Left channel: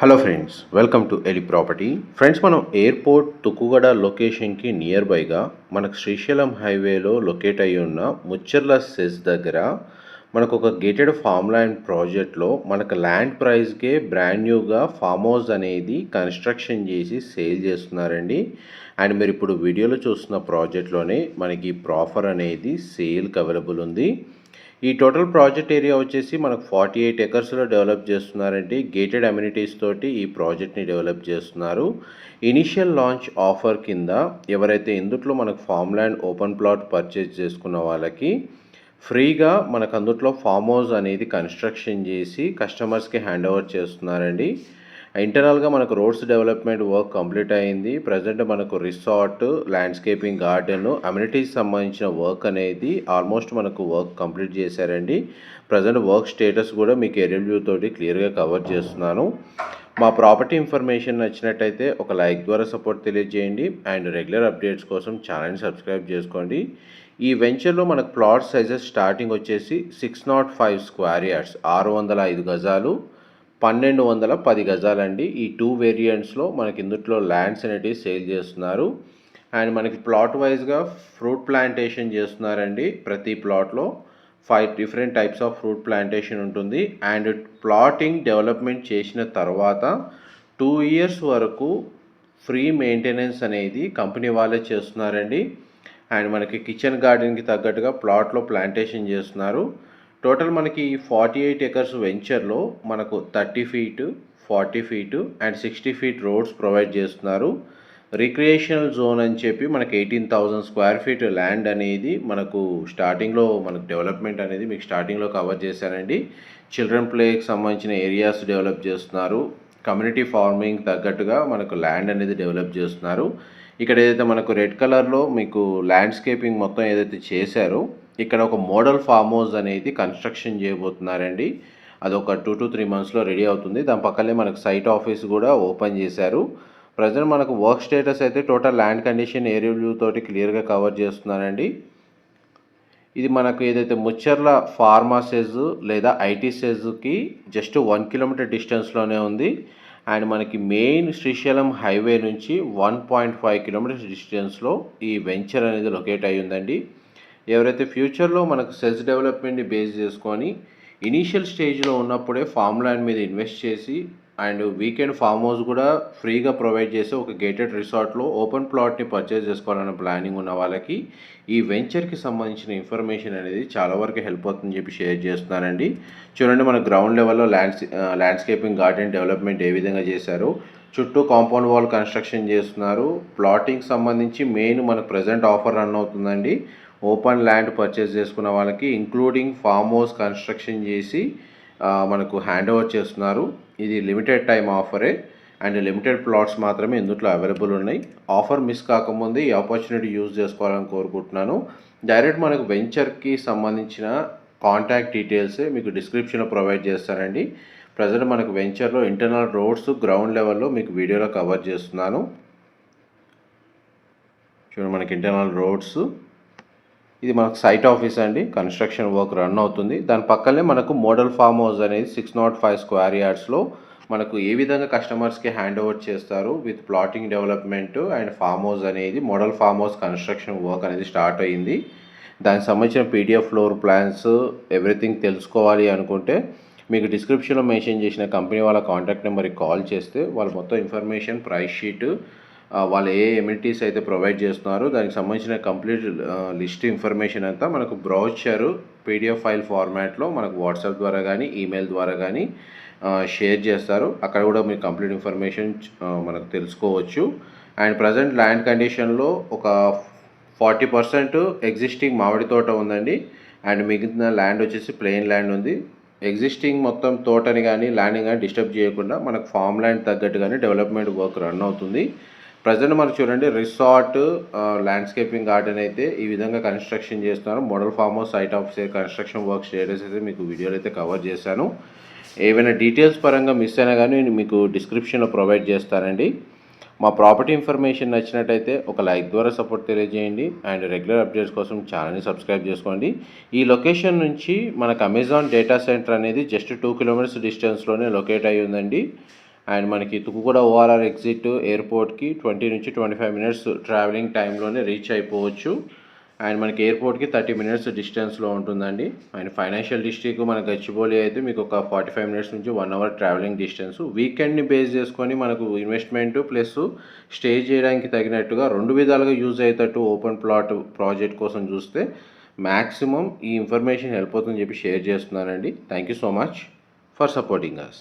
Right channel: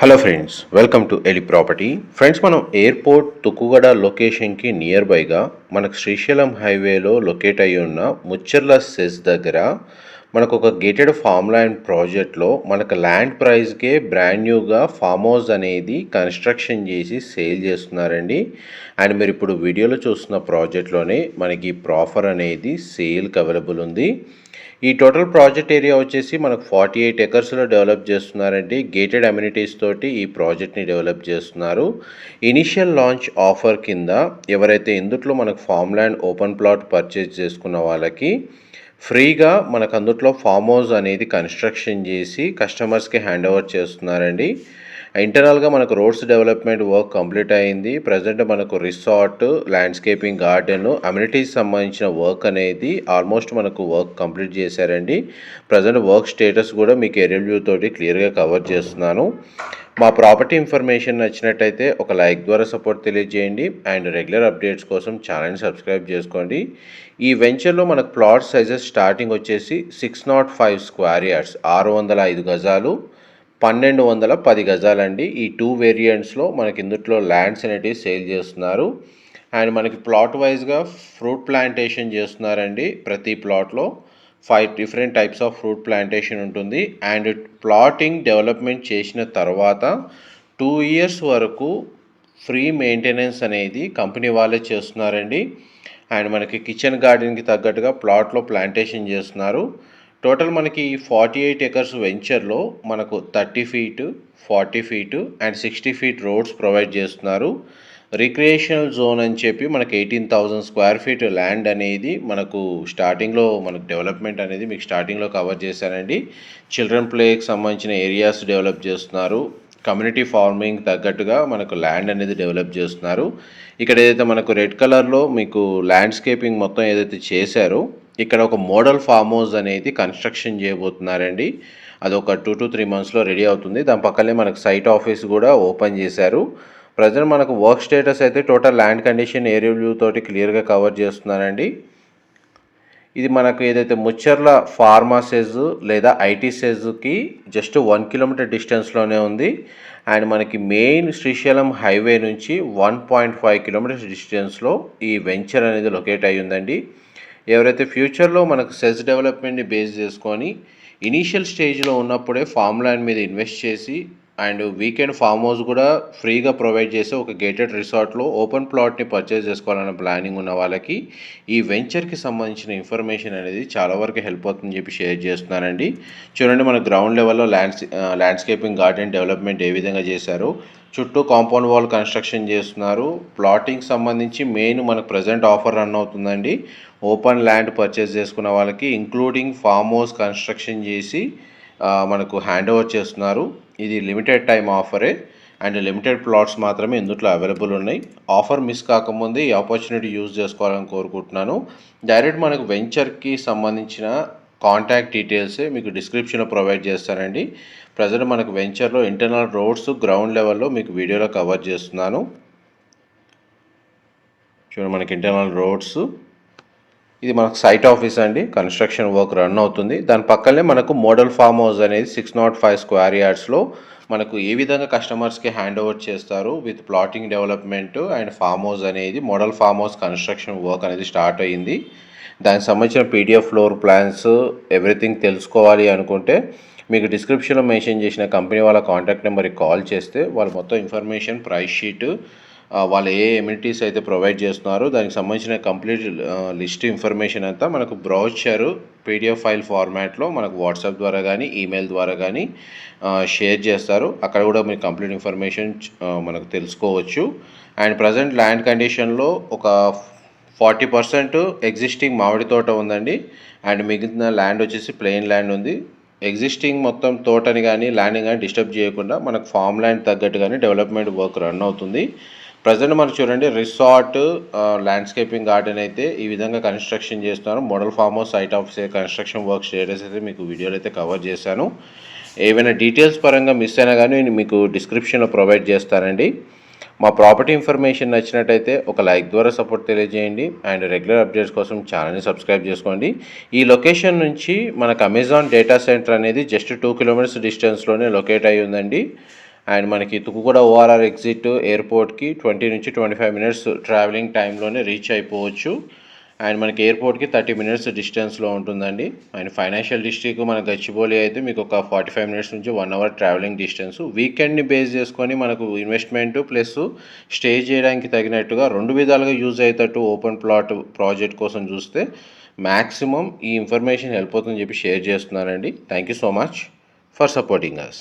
Hello friends, welcome to Eli property. Friends, మనం airport Tukkuguda లొకేషన్కి near బైగా మనకు శ్రీశైలం హైవేలో లొకేట్ అయి ఉన్న ముచ్చర్ల సెస్ దగ్గర మనకు ఒక గేటెడ్ ఫామ్ ల్యాండ్ ప్రాజెక్ట్లో మనకు ల్యాండ్ ప్రైస్కే బ్రాండ్ న్యూగా ఫామ్ హౌస్ అనేది కన్స్ట్రక్షన్ చేసి సేల్ చేస్తున్నారండి. అండ్ మీరు ఇప్పుడు వీడియోలో చూస్తున్న ప్రాజెక్ట్లోనే మనకి ప్రాఫర్ అనేది సేల్కి అవైలబుల్ ఉంది. ఈ టోటల్ ప్రాజెక్ట్ ఏరియా వచ్చేసి మనకు 48 ఎకర్స్లో డెవలప్ చేస్తున్నారండి. గేటెడ్ అమ్యూనిటీస్ తోటి ఈ ప్రాజెక్ట్ని డెవలప్ చేస్తున్నారు. ఇనిషియల్ లాంచ్ ఆఫర్ కింద ఎవరైతే ఇందుట్లో మనకు farm land open plot purchase చేసుకున్న వాళ్ళకి ఫ్రీగా మనకు అందుట్లో ఫామ్ హౌస్ అనేది కన్స్ట్రక్షన్ చేసి కస్టమర్స్కి హ్యాండ్ ఓవర్ చేస్తున్నారండి. ఇంటర్నల్గా మనకు రోడ్స్ డెవలప్మెంట్ వర్క్ కంప్లీట్ అయింది. ప్రజెంట్ మనకు రిసార్ట్, ల్యాండ్స్కేపింగ్, గార్డెన్, అమ్యూనిటీస్ సంబంధించిన వర్క్ అనేది ఆల్మోస్ట్ మనకు వర్క్ కంప్లీట్ చేశారండి. ప్రజెంట్ వర్క్ స్టేటస్ కూడా మీకు ఏరియల్ వ్యూ తోటి క్లియర్గా కవర్ చేస్తున్నాను. మా ప్రాపర్టీ ఇన్ఫర్మేషన్ నచ్చినట్టయితే ఒక లైక్ ద్వారా సపోర్ట్ తెలియజేయండి. అండ్ రెగ్యులర్ అప్డేట్స్ కోసం ఛానల్ని సబ్స్క్రైబ్ చేసుకోండి. ఈ వెంచర్లో మనకు ప్లాట్ సైజెస్ స్టార్టింగ్ వచ్చేసి 605 స్క్వేర్ యార్డ్స్, 605 గజాలు, 1210 గజాలండి. ఈ 2 వేరియంట్స్లో మనకి ఇందుట్లో ల్యాండ్స్ అనేటివి సేల్ చేస్తున్నారు. అండ్ మనకి ప్లాట్ వైజ్గా ఫ్రూట్ ప్లాంటేషన్ చేస్తున్నారండి. ప్రతి ప్లాట్లో 5 different types of fruit plantation ఉంటుంది. అండ్ ప్లాటింగ్ డెవలప్మెంట్ చేసిన తర్వాత 2 ఇయర్స్ వరకు ఫ్రీ మెయింటెనెన్స్ అనేది కంపెనీ వాళ్ళే చేస్తున్నారండి. అండ్ మనకి కిచెన్ గార్డెన్కి తగ్గట్టుగా ప్లాట్లో ప్లాంటేషన్ చేస్తున్నారు. టోటల్ మనకి 48 ఎకర్స్ వెంచర్లో మనకు 30 feet, 40 feet and 60 feet roads provide చేస్తున్నారు. రిక్రియేషనల్ జోన్ అని చెప్పి మనకి 18,000 స్క్వేర్ ఫీట్ ల్యాండ్ అనేది మనకు స్టార్టింగ్లో మనకు డెవలప్మెంట్ అనేది మీకు స్టార్టింగ్లో కవర్ చేశారండి. చిల్డ్రన్ ప్లేకి సంబంధించిన ఏరియాస్ డెవలప్ చేస్తున్నారు. కమ్యూనిటీ ఫార్మింగ్ తగ్గట్టుగా మనకు ల్యాండ్ అనేది డెవలప్ చేస్తున్నారు. ఇక్కడ ఏదైతే మనకు రెడ్ కలర్లో మీకు ల్యాండ్స్కేపింగ్ మొత్తం ఏదైతే చేశారో ఇక్కడ ఒక మోడల్ ఫామ్ హౌస్ అనేది కన్స్ట్రక్షన్ చేయబోతున్నారండి. అది ఒక 2 to 3 మంత్స్లో రెడీ అవుతుంది. దాని పక్కనే మనకు సైట్ ఆఫీస్ కూడా ఓపెన్ చేశారు. ప్రజెంట్ మనకు వర్క్ స్టేటస్ అయితే total land condition aerial view తోటి క్లియర్గా కవర్ చేస్తున్నారండి. ఇది మనకు ఏదైతే ముచ్చర్ల ఫార్మా సెజ్ లేదా ఐటీ సెజ్కి జస్ట్ 1 కిలోమీటర్ డిస్టెన్స్లోనే ఉంది. అండ్ మనకి మెయిన్ శ్రీశైలం హైవే నుంచి 1.5 కిలోమీటర్స్ డిస్టెన్స్లో ఈ వెంచర్ అనేది లొకేట్ అయ్యి ఉందండి. ఎవరైతే ఫ్యూచర్లో మనకు సెజ్ డెవలప్మెంట్ని బేస్ చేసుకొని ఇనీషియల్ స్టేజ్లో ఉన్నప్పుడే ఫామ్ ల్యాండ్ మీద ఇన్వెస్ట్ చేసి అండ్ వీకెండ్ ఫామ్ హౌస్ కూడా ఫ్రీగా ప్రొవైడ్ చేసి ఒక గేటెడ్ రిసార్ట్లో ఓపెన్ ప్లాట్ని పర్చేస్ చేసుకోవాలన్న ప్లానింగ్ ఉన్న వాళ్ళకి ఈ వెంచర్కి సంబంధించిన ఇన్ఫర్మేషన్ అనేది చాలా వరకు హెల్ప్ అవుతుందని చెప్పి షేర్ చేస్తున్నానండి. చూడండి, మన గ్రౌండ్ లెవెల్లో ల్యాండ్స్కేపింగ్ గార్డెన్ డెవలప్మెంట్ ఏ విధంగా చేశారో, చుట్టూ కాంపౌండ్ వాల్ కన్స్ట్రక్షన్ చేస్తున్నారు. ప్లాటింగ్ సంబంధించి మెయిన్ మనకు ప్రజెంట్ ఆఫర్ రన్ అవుతుందండి. ఓపెన్ ల్యాండ్ పర్చేస్ చేసుకున్న వాళ్ళకి ఇంక్లూడింగ్ ఫామ్ హౌస్ కన్స్ట్రక్షన్ చేసి మనకు హ్యాండ్ ఓవర్ చేస్తున్నారు. ఇది లిమిటెడ్ టైం ఆఫరే అండ్ లిమిటెడ్ ప్లాట్స్ మాత్రమే ఇందులో అవైలబుల్ ఉన్నాయి. ఆఫర్ మిస్ కాకముందే ఈ ఆపర్చునిటీ యూజ్ చేసుకోవాలని కోరుకుంటున్నాను. డైరెక్ట్ మనకు వెంచర్కి సంబంధించిన కాంటాక్ట్ డీటెయిల్సే మీకు డిస్క్రిప్షన్లో ప్రొవైడ్ చేస్తానండి. ప్రజెంట్ మనకు వెంచర్లో ఇంటర్నల్ రోడ్స్ గ్రౌండ్ లెవెల్లో మీకు వీడియోలో కవర్ చేస్తున్నాను. చూడండి, మనకి ఇంటర్నల్ రోడ్స్, ఇది మనకు సైట్ ఆఫీస్ అండి. కన్స్ట్రక్షన్ వర్క్ రన్ అవుతుంది. దాని పక్కనే మనకు మోడల్ ఫామ్ హౌస్ అనేది 605 స్క్వేర్ యార్డ్స్లో మనకు ఏ విధంగా కస్టమర్స్కి హ్యాండ్ ఓవర్ చేస్తారు with plotting development and farm house అనేది model farm house construction work అనేది స్టార్ట్ అయ్యింది. దానికి సంబంధించిన పీడిఎఫ్ ఫ్లోర్ ప్లాన్స్ ఎవ్రీథింగ్ తెలుసుకోవాలి అనుకుంటే మీకు డిస్క్రిప్షన్లో మెన్షన్ చేసిన కంపెనీ వాళ్ళ కాంటాక్ట్ నెంబర్కి కాల్ చేస్తే వాళ్ళు మొత్తం ఇన్ఫర్మేషన్, ప్రైస్ షీట్, వాళ్ళు ఏ ఎమ్యూనిటీస్ అయితే ప్రొవైడ్ చేస్తున్నారో దానికి సంబంధించిన కంప్లీట్ లిస్ట్ ఇన్ఫర్మేషన్ అంతా మనకు బ్రౌచరు పీడిఎఫ్ ఫైల్ ఫార్మాట్లో మనకు వాట్సాప్ ద్వారా కానీ ఈమెయిల్ ద్వారా కానీ షేర్ చేస్తారు. అక్కడ కూడా మీకు కంప్లీట్ ఇన్ఫర్మేషన్ మనకు తెలుసుకోవచ్చు. అండ్ ప్రజెంట్ ల్యాండ్ కండిషన్లో ఒక 40% ఎగ్జిస్టింగ్ మామిడి తోట ఉందండి. అండ్ మిగిలిన ల్యాండ్ వచ్చేసి ప్లెయిన్ ల్యాండ్ ఉంది. ఎగ్జిస్టింగ్ మొత్తం తోటని కానీ ల్యాండ్ని కానీ డిస్టర్బ్ చేయకుండా మనకు ఫామ్ ల్యాండ్ తగ్గట్టు కానీ డెవలప్మెంట్ వర్క్ రన్ అవుతుంది. ప్రజెంట్ మనకు చూడండి, రిసార్ట్, ల్యాండ్స్కేపింగ్ గార్డెన్ అయితే ఈ విధంగా కన్స్ట్రక్షన్ చేస్తున్నారు. Model farm house site of construction work status అయితే మీకు వీడియోలో అయితే కవర్ చేశాను. ఏవైనా డీటెయిల్స్ పరంగా మిస్ అయినా కానీ మీకు డిస్క్రిప్షన్లో ప్రొవైడ్ చేస్తానండి. మా ప్రాపర్టీ ఇన్ఫర్మేషన్ నచ్చినట్టయితే ఒక లైక్ ద్వారా సపోర్ట్ తెలియజేయండి. అండ్ రెగ్యులర్ అప్డేట్స్ కోసం ఛానల్ని సబ్స్క్రైబ్ చేసుకోండి. ఈ లొకేషన్ నుంచి మనకు అమెజాన్ డేటా సెంటర్ అనేది జస్ట్ 2 కిలోమీటర్స్ డిస్టెన్స్లోనే లొకేట్ అయ్యి ఉందండి. అండ్ మనకి తుక్కుగూడ ఓఆర్ఆర్ ఎగ్జిట్ ఎయిర్పోర్ట్కి 20 నుంచి 25 మినిట్స్ ట్రావెలింగ్ టైంలోనే రీచ్ అయిపోవచ్చు. అండ్ మనకి ఎయిర్పోర్ట్కి 30 మినిట్స్ డిస్టెన్స్లో ఉంటుందండి. అండ్ ఫైనాన్షియల్ డిస్ట్రిక్ట్ మన గచ్చిబౌలి అయితే మీకు ఒక 45 మినిట్స్ నుంచి 1 అవర్ ట్రావెలింగ్ డిస్టెన్స్. వీకెండ్ని బేస్ చేసుకొని మనకు ఇన్వెస్ట్మెంట్ ప్లస్ స్టే చేయడానికి తగినట్టుగా 2 విధాలుగా యూజ్ అయ్యేటట్టు ఓపెన్ ప్లాట్ ప్రాజెక్ట్ కోసం చూస్తే మ్యాక్సిమం ఈ ఇన్ఫర్మేషన్ హెల్ప్ అవుతుందని చెప్పి షేర్ చేస్తున్నానండి. Thank you so much for supporting us.